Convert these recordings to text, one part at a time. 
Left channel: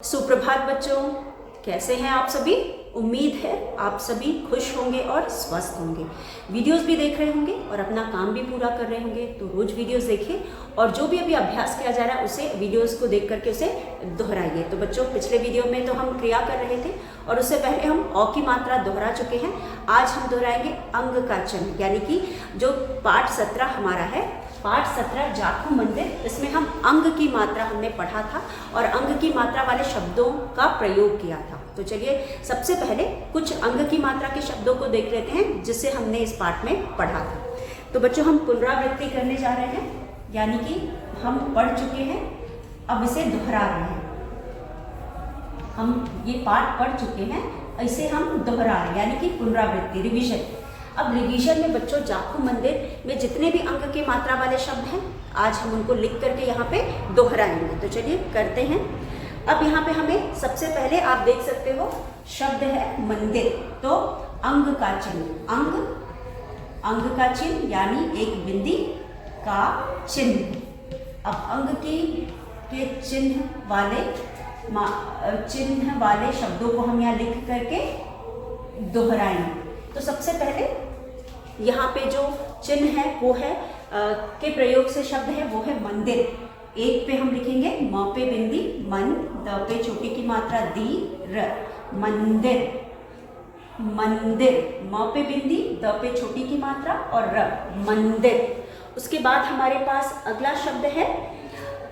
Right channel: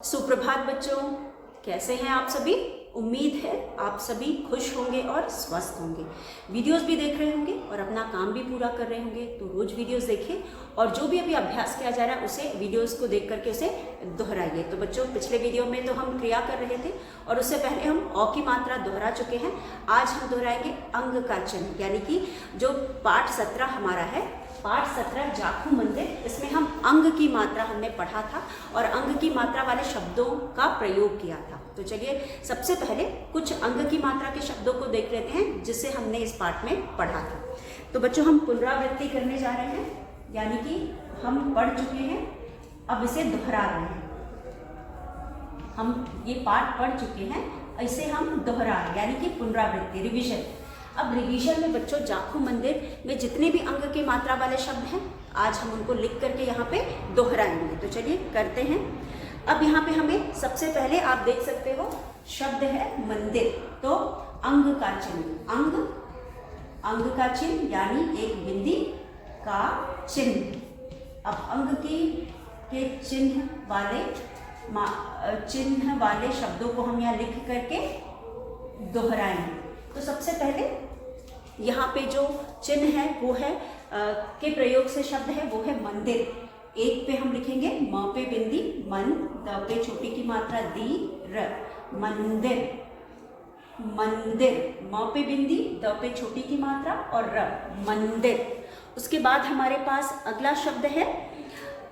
सुप्रभात बच्चों, कैसे हैं आप सभी। उम्मीद है आप सभी खुश होंगे और स्वस्थ होंगे। वीडियोस भी देख रहे होंगे और अपना काम भी पूरा कर रहे होंगे। तो रोज वीडियोस देखें और जो भी अभी अभ्यास किया जा रहा है उसे वीडियोस को देख करके उसे दोहराइए। तो बच्चों, पिछले वीडियो में तो हम क्रिया कर रहे थे और उससे पहले हम अ की मात्रा दोहरा चुके हैं। आज हम दोहराएंगे अंग का चिन्ह, यानी कि जो पाठ 17 हमारा है, पाठ 17 जाखू मंदिर, इसमें हम अंग की मात्रा हमने पढ़ा था और अंग की मात्रा वाले शब्दों का प्रयोग किया था। तो चलिए सबसे पहले कुछ अंग की मात्रा के शब्दों को देख लेते हैं जिसे हमने इस पाठ में पढ़ा था। तो बच्चों, हम पुनरावृत्ति करने जा रहे हैं, यानी कि हम पढ़ चुके हैं, अब इसे दोहरा रहे हैं। हम ये पाठ पढ़ चुके हैं, इसे हम दोहरा रहे हैं, यानी कि पुनरावृत्ति, रिविजन। अब रिवीजन में बच्चों जाखू मंदिर में जितने भी अंग की मात्रा वाले शब्द हैं, आज हम उनको लिख करके यहाँ पे दोहराएंगे। तो चलिए करते हैं। अब यहाँ पे हमें सबसे पहले आप देख सकते हो शब्द है मंदिर, तो अंग का चिन्ह, अंग का चिन्ह यानी एक बिंदी का चिन्ह। अब अंग के चिन्ह वाले शब्दों को हम यहाँ लिख करके दोहराएंगे। तो सबसे पहले यहाँ पे जो चिन्ह है वो है के प्रयोग से शब्द है वो है मंदिर। एक पे हम लिखेंगे म पे बिंदी मन, द पे छोटी की मात्रा दी, र, मंदिर, मंदिर, म पे बिंदी, द पे छोटी की मात्रा और र, मंदिर। उसके बाद हमारे पास अगला शब्द है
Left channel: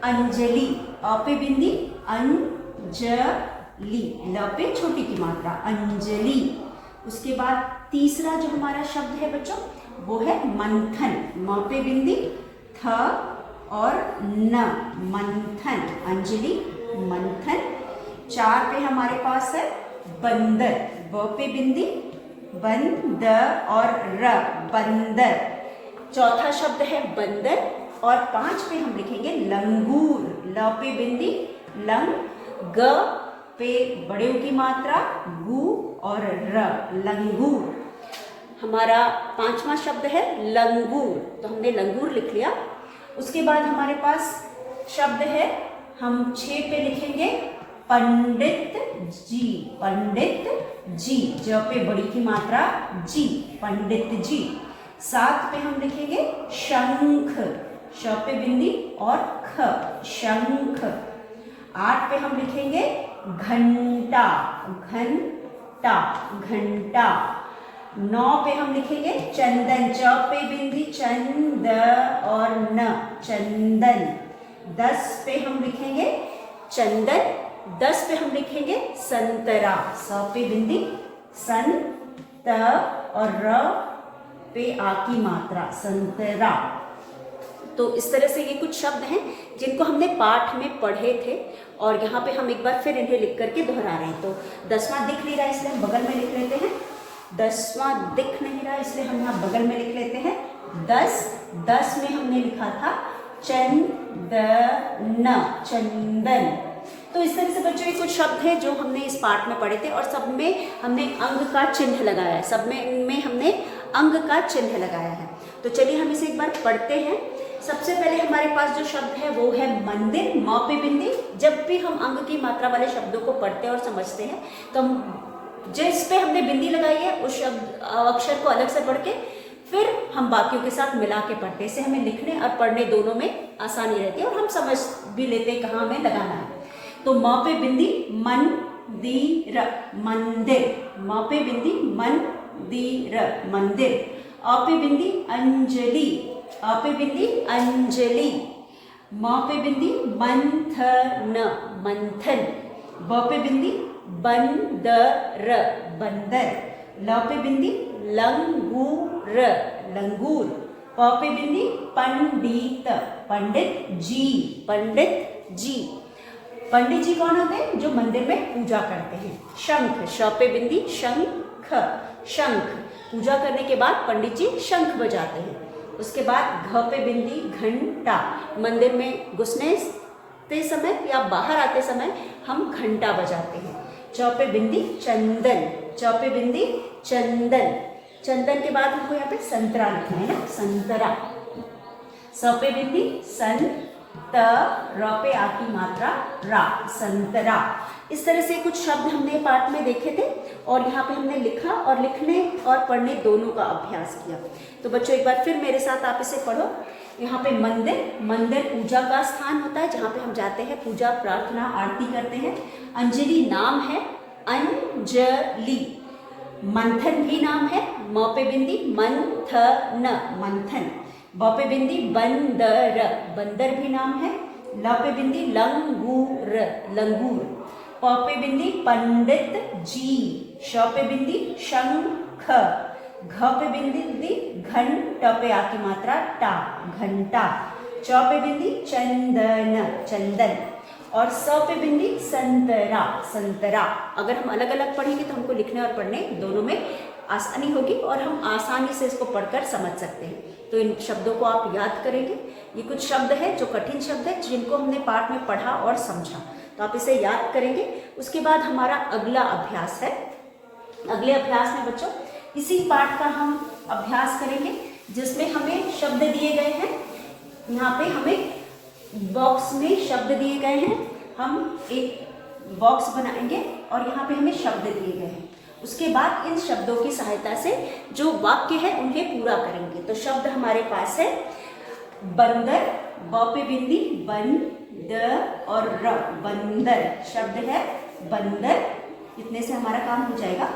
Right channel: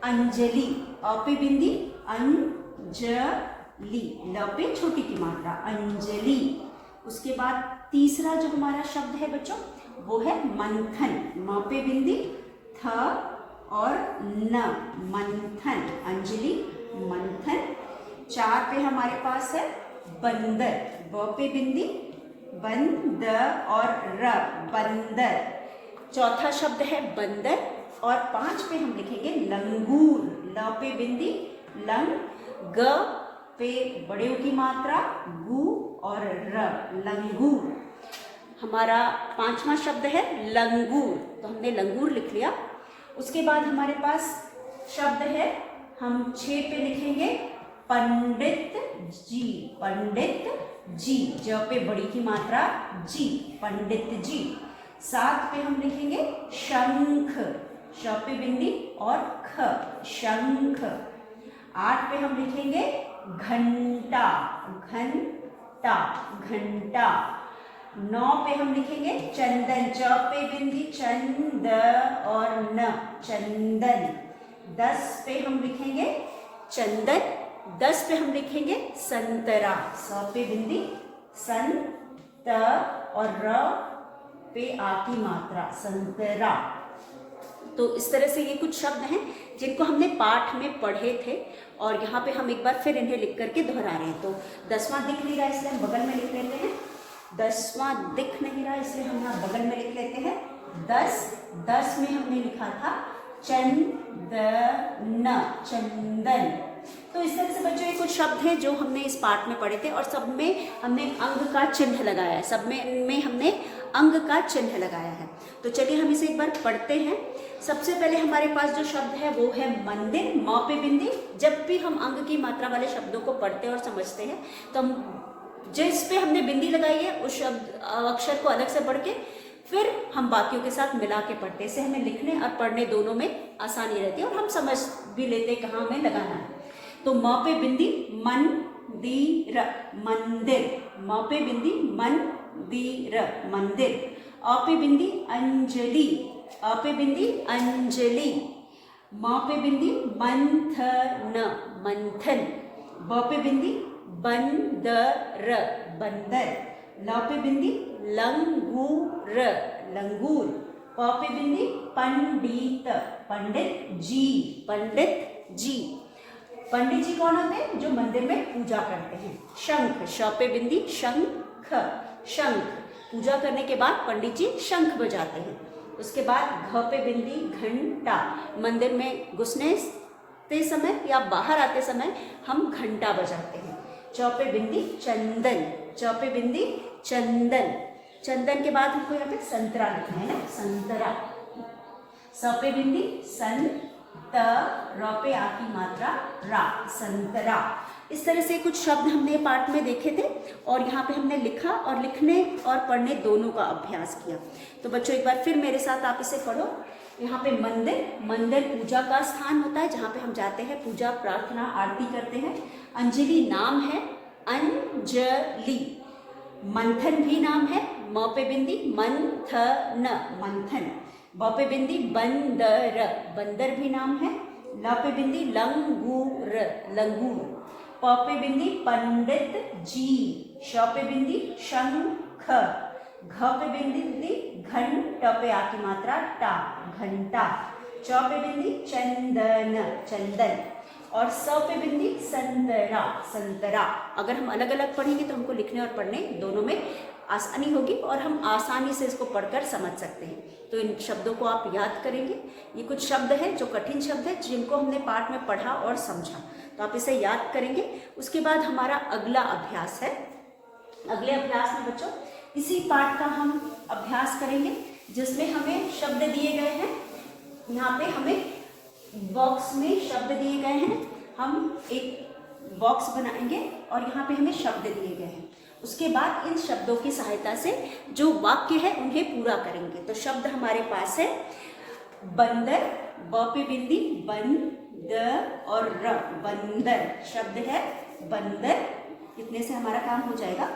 अंजलि, अ पे बिंदी, अंजलि, ल पे छोटी की मात्रा, अंजलि। उसके बाद तीसरा जो हमारा शब्द है बच्चों वो है मंथन, म पे बिंदी, थ और न, मंथन, अंजलि, मंथन। 4 पे हमारे पास है बंदर, ब पे बिंदी, बंद और र, बंदर। चौथा शब्द है बंदर और 5 पे हम लिखेंगे लंगूर, ल पे बिंदी, लंग, ग पे बड़े की मात्रा, गु और र, लंगूर। हमारा 5वां शब्द है लंगूर, तो हमने लंगूर लिख लिया। उसके बाद हमारे पास शब्द है, हम 6 पे लिखेंगे पंडित जी, पंडित जी, ज पे बड़ी की मात्रा जी, पंडित जी। 7 पे हम लिखेंगे शंख, श पे बिंदी और ख, शंख। 8 पे हम लिखेंगे घंटा, घंटा, घंटा। 9 पे हम लिखेंगे चंदन, च पे बिंदी, चंद और न, चंदन। 10 पे हम लिखेंगे चंदन, 10 पे हम लिखेंगे संतरा, स पे बिंदी, सन, त और र पे आ की मात्रा, संतरा। तो इस तरह से ये कुछ शब्द हैं जिनको हमने पाठ में पढ़े थे और यहाँ पे हम एक बार फिर इन्हें लिख करके दोहरा रहे हैं। तो 10वां दिख नहीं रहा इसलिए हम बगल में लिख लेते हैं, 10वां दिख नहीं रहा इसलिए हम यहाँ बगल में लिख लेते हैं 10 में हमने लिखा था चंदन, चंदन। तो इस तरह से बच्चों ये कुछ शब्द हैं जो हमने इस पाठ में पढ़े थे और सब में हमने अंग का चिन्ह लगाया है, सब में हमने अंग का चिन्ह लगाया है। तो चलिए हम इसे एक बार पढ़ते हैं। सबसे पहले हमारे पास जो शब्द है वो है मंदिर, म पे बिंदी। जब भी हम अंग की मात्रा वाले शब्दों को पढ़ते हैं और समझते हैं तो हम जिस पे हमने बिंदी लगाई है उस शब्द अक्षर को अलग से पढ़ के फिर हम बाकियों के साथ मिला के पढ़ते हैं। इससे हमें लिखने और पढ़ने दोनों में आसानी रहती है और हम समझ भी लेते हैं कहाँ हमें लगाना है। तो म पे बिंदी मंदिर, मंदिर, म पे बिंदी मंदिर, मंदिर। अ पे बिंदी अंजलि, अ पे बिंदी अंजलि। म पे बिंदी मंथन, मंथन। ब पे बिंदी बंदर, बंदर। ल पे बिंदी लंगूर, लंगूर। प पे बिंदी पंडित, पंडित जी, पंडित जी। पंडित जी कौन होते हैं? जो मंदिर में पूजा करते हैं। शंख, श पे बिंदी शंख, शंख। पूजा करने के बाद पंडित जी शंख बजाते हैं। उसके बाद घ पे बिंदी घंटा, मंदिर में घुसने ते समय या बाहर आते समय हम घंटा बजाते हैं। च पे बिंदी चंदन, च पे बिंदी चंदन। चंदन के बाद हमको यहाँ पे संतरा लिखना है ना, संतरा। स पे बिंदी सन, त, र पे आ की मात्रा रा, संतरा। इस तरह से कुछ शब्द हमने पाठ में देखे थे और यहाँ पे हमने लिखा और लिखने और पढ़ने दोनों का अभ्यास किया। तो बच्चों एक बार फिर मेरे साथ आप इसे पढ़ो। यहाँ पे मंदिर, मंदिर पूजा का स्थान होता है जहाँ पे हम जाते हैं, पूजा प्रार्थना आरती करते हैं। अंजलि नाम है, अंजलि। मंथन भी नाम है, म पे बिंदी मंथन, मंथन। ब पे बिंदी बंदर, बंदर भी नाम है। ल पे बिंदी लंगूर, लंगूर। प पे बिंदी पंडित जी। श पे बिंदी शंख। घ पे बिंदी घन, ट पे आ की मात्रा टा, घंटा। च पे बिंदी चंदन, चंदन। और स पे बिंदी संतरा, संतरा। अगर हम अलग अलग पढ़ेंगे तो हमको लिखने और पढ़ने दोनों में आसानी होगी और हम आसानी से इसको पढ़कर समझ सकते हैं। तो इन शब्दों को आप याद करेंगे। ये कुछ शब्द हैं जो कठिन शब्द हैं जिनको हमने पाठ में पढ़ा और समझा, तो आप इसे याद करेंगे। उसके बाद हमारा अगला अभ्यास है। अगले अभ्यास में बच्चों इसी पाठ का हम अभ्यास करेंगे जिसमें हमें शब्द दिए गए हैं। यहाँ पे हमें बॉक्स में शब्द दिए गए हैं। हम एक बॉक्स बनाएंगे और यहाँ पे हमें शब्द दिए गए हैं। उसके बाद इन शब्दों की सहायता से जो वाक्य है उन्हें पूरा करेंगे। तो शब्द हमारे पास है बंदर, ब पे बिंदी बन, द और र, बंदर। शब्द है बंदर, इतने से हमारा काम हो जाएगा।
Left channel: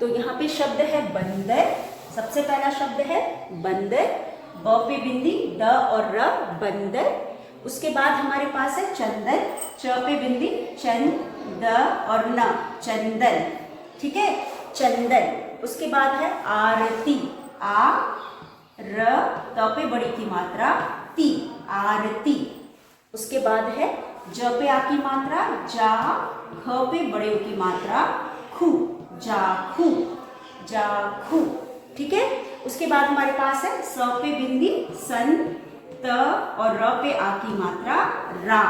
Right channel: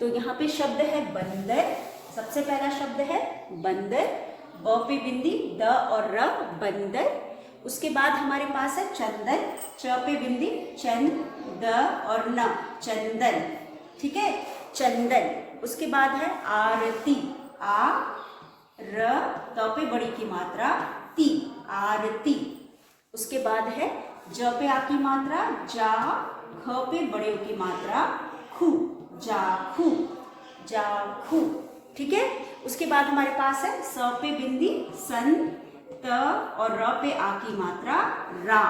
तो यहाँ पे शब्द है बंदर। सबसे पहला शब्द है बंदर, ब पे बिंदी द और र, बंदर। उसके बाद हमारे पास है चंदन, च पे बिंदी चंद, द और न, चंदन। ठीक है, चंदन। उसके बाद है आरती, आ र, त पे बड़ी की मात्रा ती, आरती। उसके बाद है ज पे आ की मात्रा जा, ख पे बड़े की मात्रा खू, जाखू, जाखू। ठीक है। उसके बाद हमारे पास है स पे बिंदी सन, त और र पे आ की मात्रा रा।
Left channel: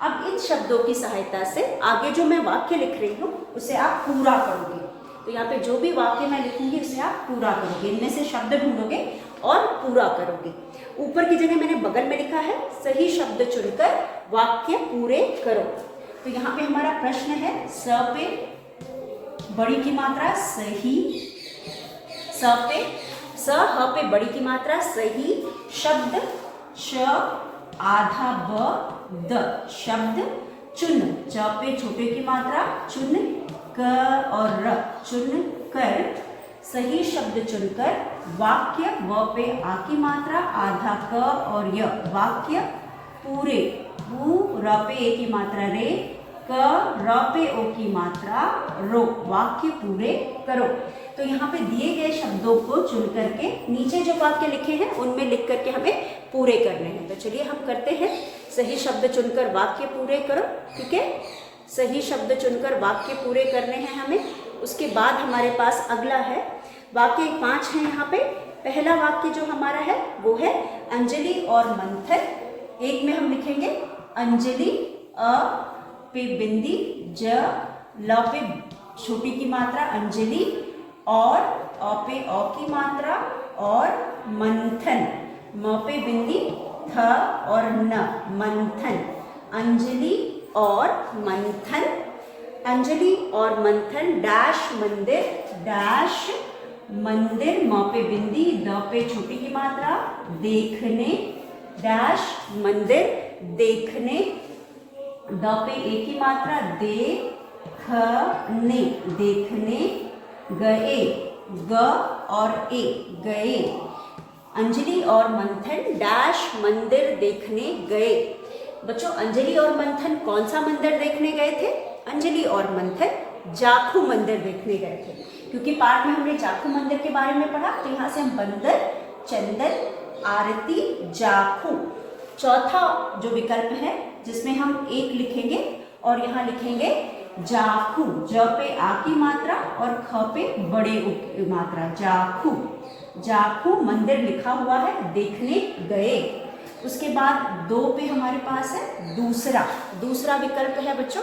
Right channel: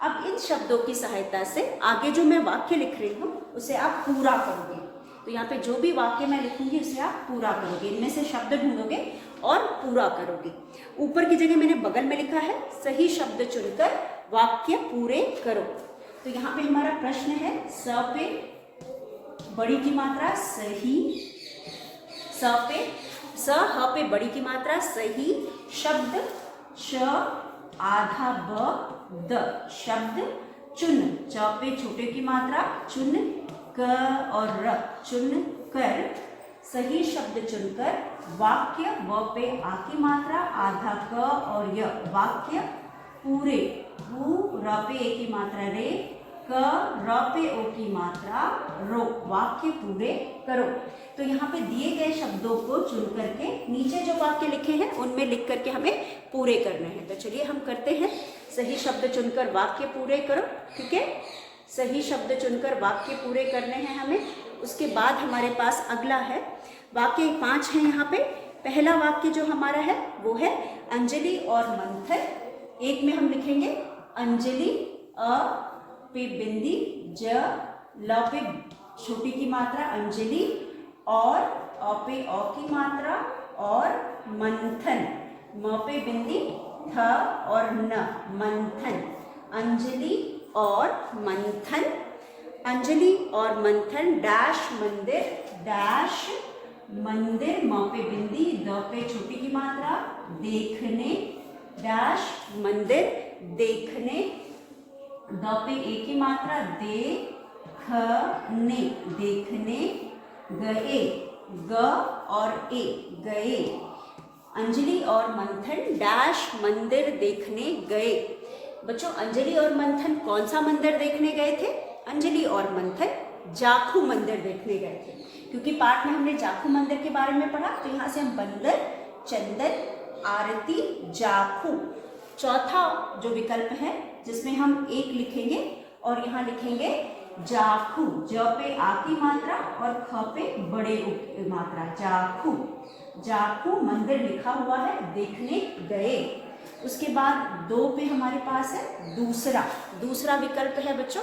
अब इन शब्दों की सहायता से आगे जो मैं वाक्य लिख रही हूँ उसे आप पूरा करोगे। तो यहाँ पे जो भी वाक्य मैं लिखूंगी उसे आप पूरा करोगे। इनमें से शब्द ढूंढोगे और पूरा करोगे। ऊपर की जगह मैंने बगल में लिखा है सही शब्द चुनकर वाक्य पूरे करो। तो यहाँ पे हमारा प्रश्न है स पे बड़ी की मात्रा सही, स पे स ह पे बड़ी की मात्रा सही शब्द, श आधा ब द शब्द, चुन च पे छोटे की मात्रा चुन, क और र चुन कर, सही शब्द चुनकर वाक्य, व पे आ की मात्रा आधा क और य वाक्य पूरे, उ र पे ए की मात्रा रे, क र पे ओ की मात्रा रो, वाक्य पूरे करो। तो यहाँ पे दिए गए शब्दों को चुन करके नीचे जो वाक्य लिखे हैं उनमें लिख करके हमें पूरे करने हैं। तो चलिए हम करते हैं। सही शब्द चुनकर वाक्य पूरे करो। ठीक है, सही शब्द चुनकर वाक्य पूरे करने हैं हमें। उसके बाद हमारे पास अगला है वाक्य 5 है यहाँ पे। पहला वाक्य जो हमारा है वो है अंजलि और मंथन। एक में हम लिखेंगे अंजलि, अ पे बिंदी ज, ल पे छोटी की मात्रा अंजलि और अ पे अ की मात्रा और मंथन, म पे बिंदी थ और न, मंथन। अंजलि और मंथन, अंजलि और मंथन डैश मंदिर, डैश मंदिर, म पे बिंदी द पे छोटी की मात्रा देखने, डैश मंदिर देखने, द पे ए की मात्रा देखने, देखने गए, ग और ए गए। अंजलि और मंथन डैश मंदिर देखने गए। बच्चों अंजलि और मंथन कौन सा मंदिर देखने गए थे? अंजलि और मंथन जाखू मंदिर देखने गए थे, क्योंकि पाठ में हमने जाखू मंदिर के बारे में पढ़ा। तो यहाँ से हम बंदर, चंदन, आरती, जाखू। चौथा जो विकल्प है जिसमें हम एक लिखेंगे और यहाँ लिखेंगे जाखू, ज पे आ की मात्रा और ख पे बड़े उ की मात्रा, जाखू, जाखू मंदिर लिखा हुआ है, देखने गए। उसके बाद 2 पे हमारे पास है दूसरा, दूसरा विकल्प है बच्चों।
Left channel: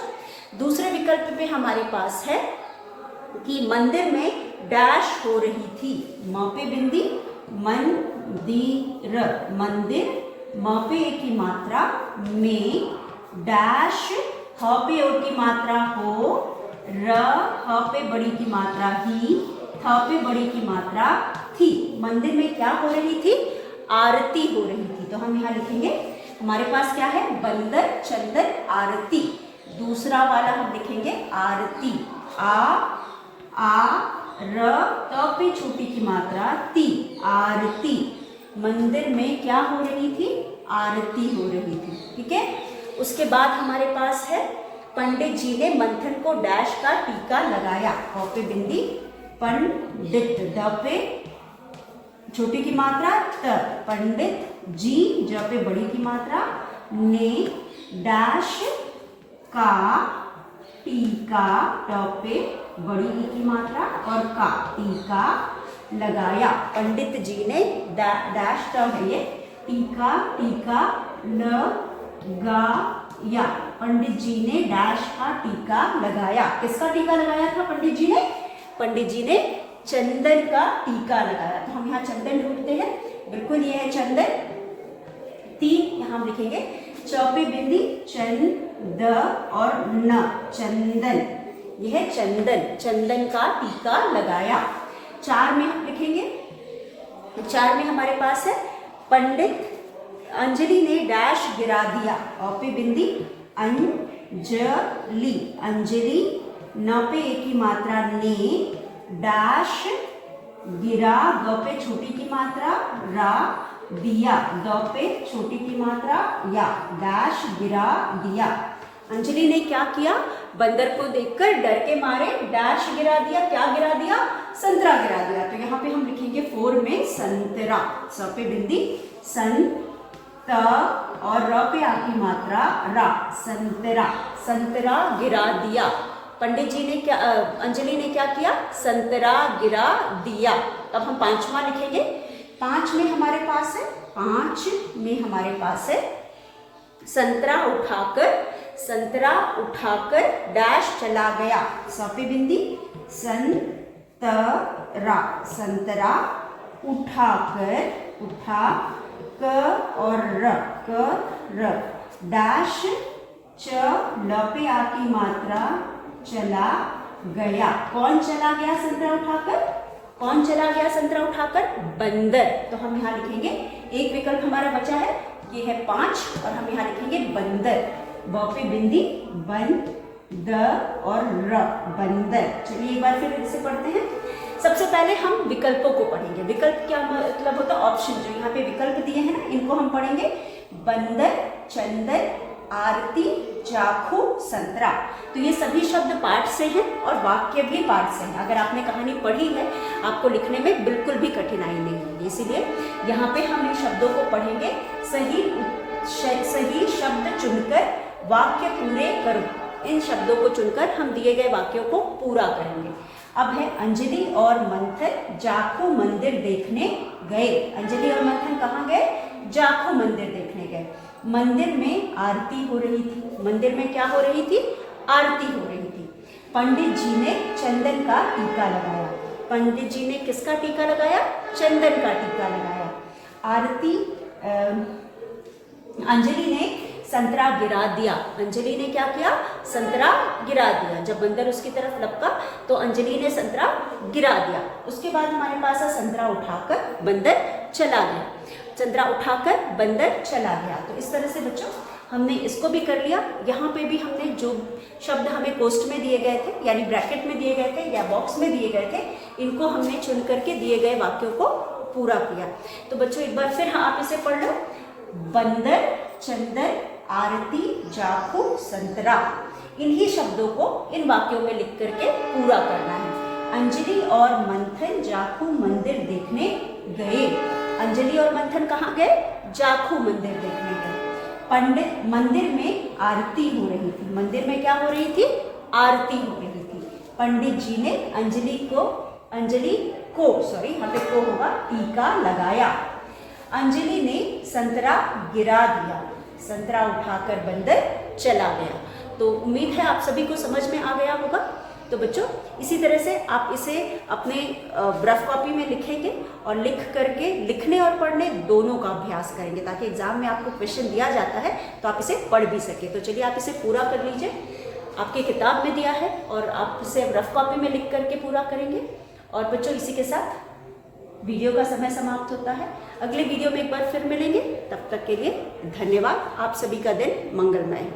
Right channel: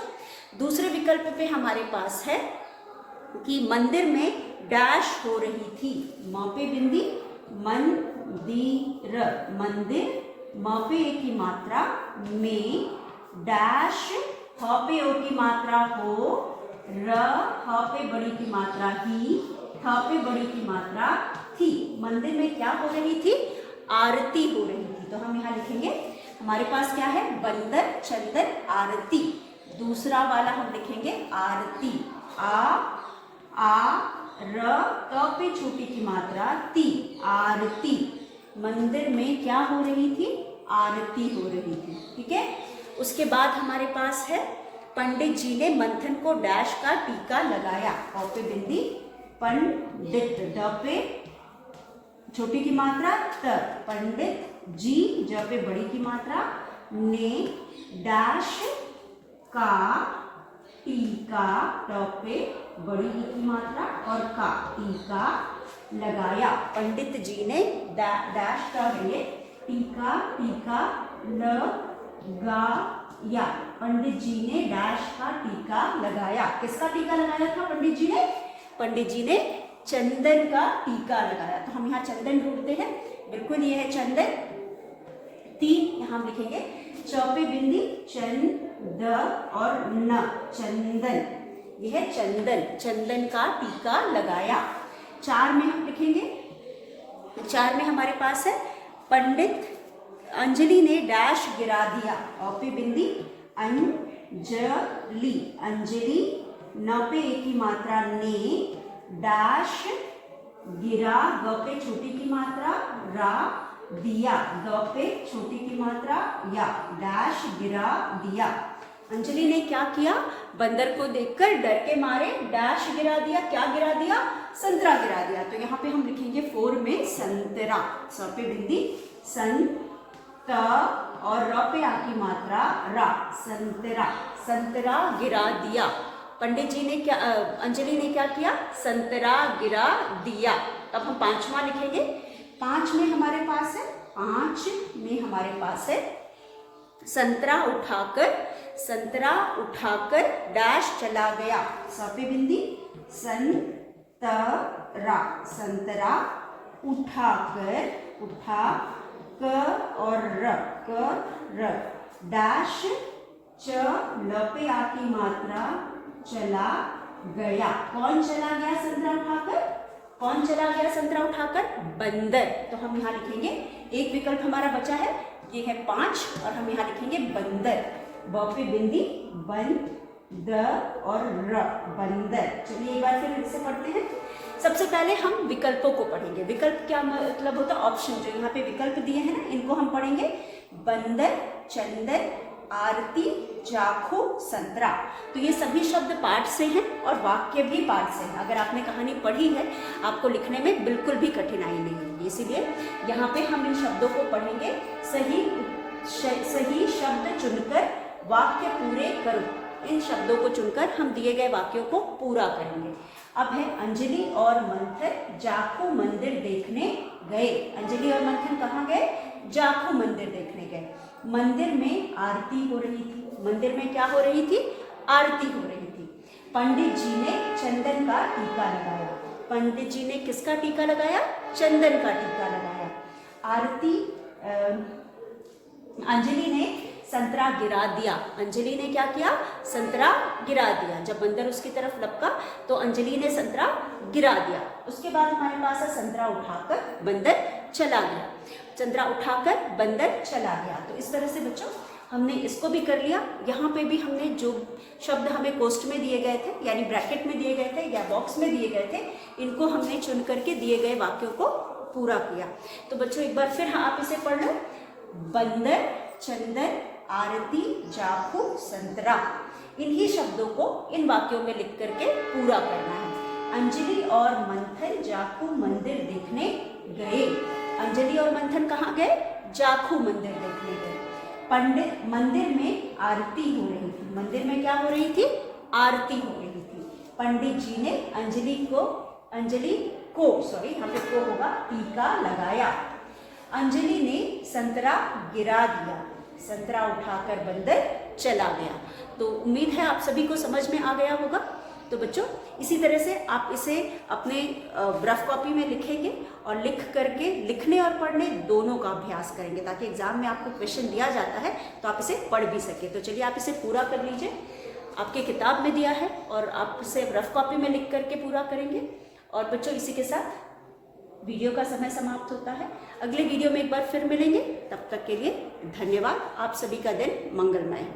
दूसरे विकल्प पे हमारे पास है कि मंदिर में डैश हो रही थी, म पे बिंदी मंदिर, मंदिर, म पे ए की मात्रा में डैश ह पे ओ की मात्रा हो, र ह पे बड़ी की मात्रा ही, थ पे बड़ी की मात्रा थी। मंदिर में क्या हो रही थी? आरती हो रही थी। तो हम यहाँ लिखेंगे, हमारे पास क्या है? बंदर चंदन आरती। दूसरा वाला हम लिखेंगे आरती, आ र त पे छोटी की मात्रा ती, आरती। मंदिर में क्या हो रही थी? आरती हो रही थी। ठीक है। उसके बाद हमारे पास है, पंडित जी ने मंथन को डैश का टीका लगाया। प पे बिंदी, पंडित, द पे छोटी की मात्रा त, पंडित जी, ज पे बड़ी की मात्रा, ने डैश का टीका, ट पे बड़ी ई की मात्रा और का, टीका लगाया। पंडित जी ने डैश का है ये, टीका, टीका लगाया। पंडित जी ने डैश का टीका लगाया। किसका टीका लगाया था पंडित जी ने? पंडित जी ने चंदन का टीका लगाया। तो हम यहाँ चंदन ढूंढते हैं, बिल्कुल ये है चंदन। तीन यहाँ हम लिखेंगे, च पे बिंदी, चंद और न, चंदन, यह है चंदन, चंदन का टीका लगाया। चार में हम लिखेंगे, चार में हमारे पास है, पंडित अंजलि ने डैश गिरा दिया। अ पे बिंदी, अंजलि, अंजलि, न पे एक की मात्रा ने, डैश गिरा, ग पे छोटी की मात्रा रा, दिया, द पे छोटी की मात्रा या, डैश गिरा दिया। अंजलि ने क्या किया? बंदर को देखकर डर के मारे डैश गिरा दिया। क्या गिरा दिया? संतरा गिरा दिया। तो यहाँ पे हम लिखेंगे 4 में संतरा, स पे बिंदी, सन, त और र पे आ की मात्रा रा, संतरा, संतरा गिरा दिया। पंडित जी ने क्या, अंजलि ने क्या किया? संतरा गिरा दिया। अब हम पांचवा लिखेंगे। 5 में हमारे पास है, 5 में हमारे पास है, संतरा उठाकर, संतरा उठाकर डैश चला गया। स पे बिंदी, संतरा, संतरा उठाकर, उठा क और र, क र, डैश च, ल पे आ की मात्रा, चला गया। कौन चला गया संतरा उठाकर? कौन चला गया संतरा उठाकर? बंदर। तो हम यहाँ लिखेंगे, एक विकल्प हमारा बचा है, ये है 5 और हम यहाँ लिखेंगे बंदर। ब पे बिंदी, बन, द और र, बंदर। चलिए एक बार फिर इसे पढ़ते हैं। सबसे पहले हम विकल्पों को पढ़ेंगे। विकल्प क्या मतलब होता है? ऑप्शन। जो यहाँ पे विकल्प दिए हैं ना, इनको हम पढ़ेंगे। बंदर, चंदन, आरती, जाखू, संतरा। तो ये सभी शब्द पाठ से हैं और वाक्य भी पाठ से हैं। अगर आपने कहानी पढ़ी है, आपको लिखने में बिल्कुल भी कठिनाई नहीं होगी। इसीलिए यहाँ पे हम इन शब्दों को पढ़ेंगे। सही शब्द चुनकर वाक्य पूरे करो। इन शब्दों को चुनकर हम दिए गए वाक्यों को पूरा करेंगे। अब है, अंजलि और मंथन जाखू मंदिर देखने गए। अंजलि और मंथन कहाँ गए? जाखू मंदिर देखने गए। मंदिर में आरती हो रही थी। मंदिर में क्या हो रही थी? आरती हो रही थी। पंडित जी ने चंदन का टीका लगाया। पंडित जी ने किसका टीका लगाया? चंदन का टीका लगाया। आरती, अंजलि ने संतरा गिरा दिया। अंजलि ने क्या किया? संतरा गिरा दिया। जब बंदर उसकी तरफ लपका तो अंजलि ने संतरा गिरा दिया। उसके बाद हमारे पास है, संतरा उठाकर बंदर चला गया। संतरा उठाकर बंदर चला गया। तो इस तरह से बच्चों हमने इसको भी कर लिया। यहाँ पे भी हमने जो शब्द हमें पोस्ट में दिए गए थे, यानी ब्रैकेट में दिए गए थे या बॉक्स में दिए गए थे, इनको हमने चुन करके दिए गए वाक्यों को पूरा किया। तो बच्चों एक बार फिर आप इसे पढ़ लो। बंदर, चंदन, आरती, जाखू, संतरा। इन्हीं शब्दों को इन वाक्यों में लिख करके पूरा करना है। अंजलि और मंथन जाखू मंदिर देखने गए। अंजलि और मंथन कहाँ गए? जाखू मंदिर देखने गए। पंडित, मंदिर में आरती हो रही थी। मंदिर में क्या हो रही थी? आरती हो रही थी। पंडित जी ने अंजलि को सॉरी यहाँ पे को होगा, टीका लगाया। अंजलि ने संतरा गिरा दिया। संतरा उठाकर बंदर चला गया। तो उम्मीद है आप सभी को समझ में आ गया होगा। तो बच्चों इसी तरह से आप इसे अपने रफ कॉपी में लिखेंगे और लिख करके लिखने और पढ़ने दोनों का अभ्यास करेंगे, ताकि एग्जाम में आपको क्वेश्चन दिया जाता है तो आप इसे पढ़ भी सके। तो चलिए आप इसे पूरा कर लीजिए, आपकी किताब में दिया है और आप इसे रफ कॉपी में लिख करके पूरा करेंगे। और बच्चों इसी के साथ वीडियो का समय समाप्त होता है। अगले वीडियो में एक बार फिर मिलेंगे, तब तक के लिए धन्यवाद। आप सभी का दिन मंगलमय।